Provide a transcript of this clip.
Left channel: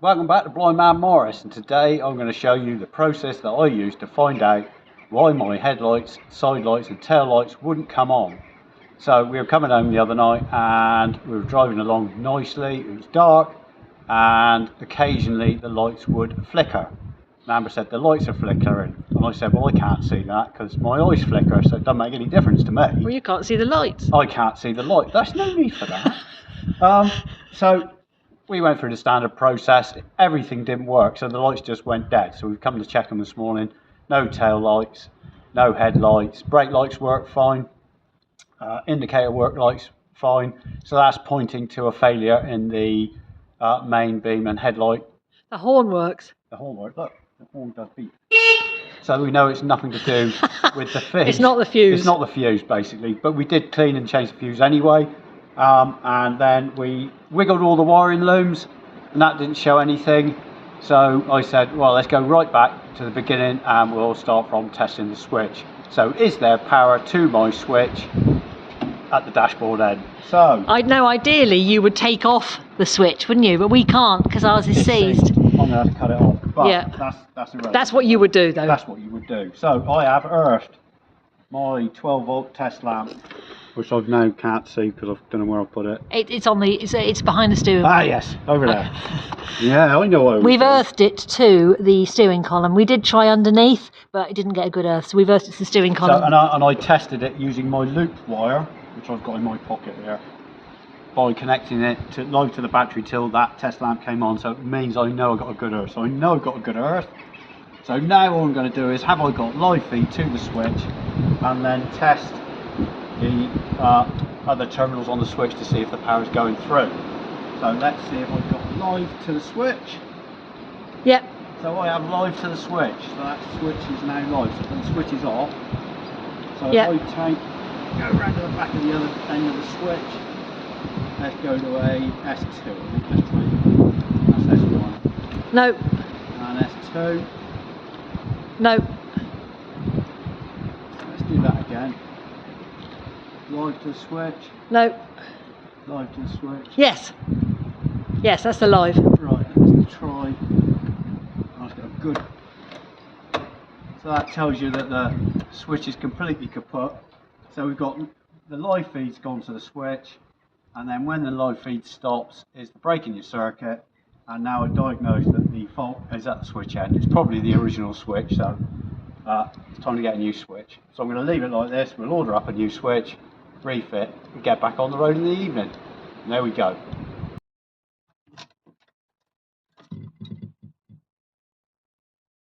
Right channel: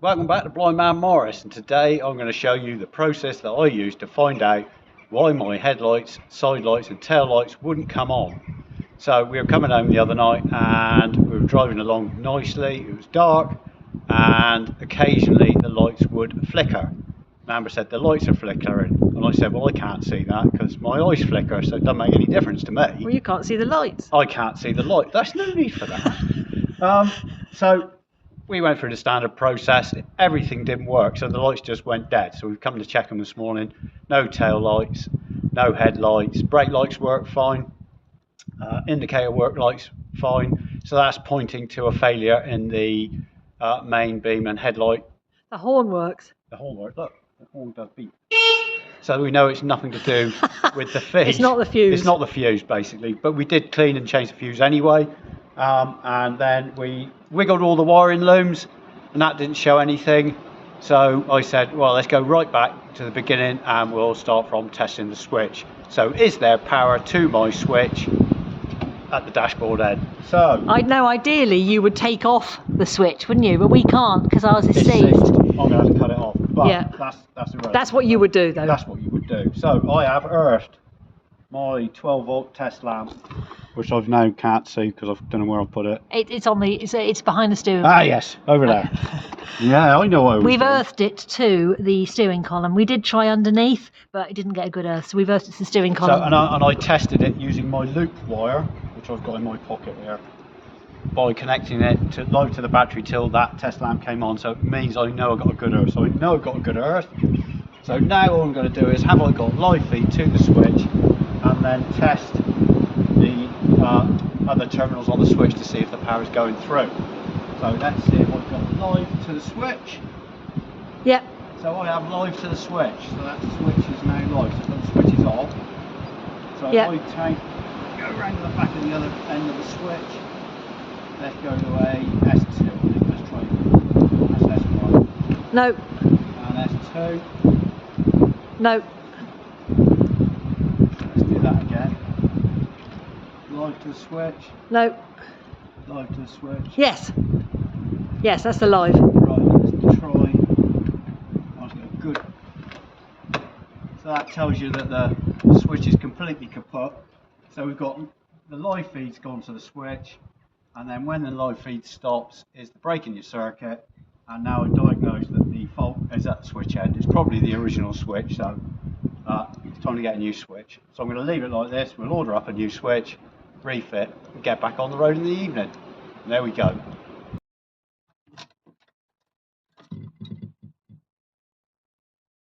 Welcome back to Blind Man Morris, and today I'm going to show you the process that I used to find out why my headlights, side lights and tail lights wouldn't come on. So we were coming home the other night and we were driving along nicely. It was dark and occasionally the lights would flicker. Amber said, "The lights are flickering," and I said, "Well, I can't see that because my eyes flicker, so it doesn't make any difference to me." Well, you can't see the lights. I can't see the light. There's no need for that. So we went through the standard process. Everything didn't work, so the lights just went dead. So we've come to check them this morning. No tail lights, no headlights. Brake lights work fine. Indicator work lights fine. So that's pointing to a failure in the main beam and headlight. The horn works. The horn works. Look, the horn does beep. So we know it's nothing to do with the fuse. It's not the fuse. It's not the fuse, basically. But we did clean and change the fuse anyway. And then we wiggled all the wiring looms, and that didn't show anything. So I said, well, let's go right back to the beginning and we'll start from testing the switch. So is there power to my switch at the dashboard end? So I know ideally you would take off the switch, wouldn't you? But we can't because ours is seized. I'm going to have to cut it off. But Yeah. that's the road. That's what you would do, though. That's what you would do. So I have earthed my 12-volt test lamp, which I've now can't see because I don't know where I put it. It's behind the steering Ah, column. yes, over there. Yeah, I know what We've earthed it to the steering column. We did try underneath, but it didn't get a good earth, so we've earthed it to the steering column. So, and I tested it using my loop wire, which I've got in my pocket here, by connecting it live to the battery till that test lamp came on. So it means I know I've got a good earth. So I know I've got a good earth. So now all I'm going to do is have I got live feed to the switch, and then test the other terminals on the switch to see if the power is going through. So let's see if I've got live to the switch. Yep. So I have live to the switch. So that switch is now live. So the switch is off. So Yep. if I go around to the back of the other end of the switch. Let's go to a S2. Let's try that's S1. No. And S2. No. Let's do that again. Live to the switch. No. Live to the switch. Yes. Yes, that's the live. Right, let's try. That's got good. So that tells you that the switch is completely kaput. So we've got the live feed's gone to the switch, and then when the live feed stops is the break in your circuit, and now I diagnose that the fault is at the switch end. It's probably the original switch, so it's time to get a new switch. So I'm going to leave it like this. We'll order up a new switch, refit, and get back on the road in the evening. And there we go.